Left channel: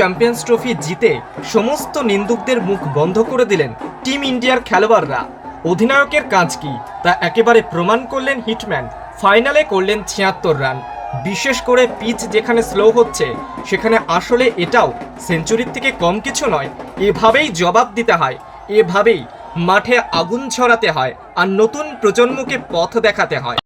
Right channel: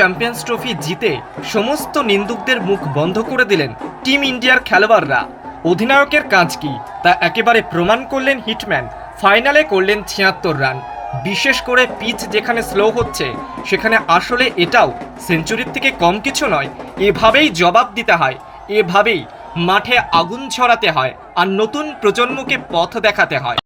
Champions trophy জিতে সমস্ত নিন্দুকদের মুখ বন্ধ করে দিলেন টিম ইন্ডিয়ার খেলোয়াড়রা। অধিনায়কের কাজ কি তা একেবারে প্রমাণ করলেন হিটম্যান। ফাইনালে করলেন ৭৬ রান। বিশেষ করে পিচ যেখানে স্লো হচ্ছে সেখানে আসলে এটাও সেঞ্চুরির থেকে কম কিছু নয়। এভাবেই জবাব দিতে হয়, এভাবেই মাঠে আগুন ছড়াতে হয় আর নতুন প্রজন্মকে পথ দেখাতে হয়।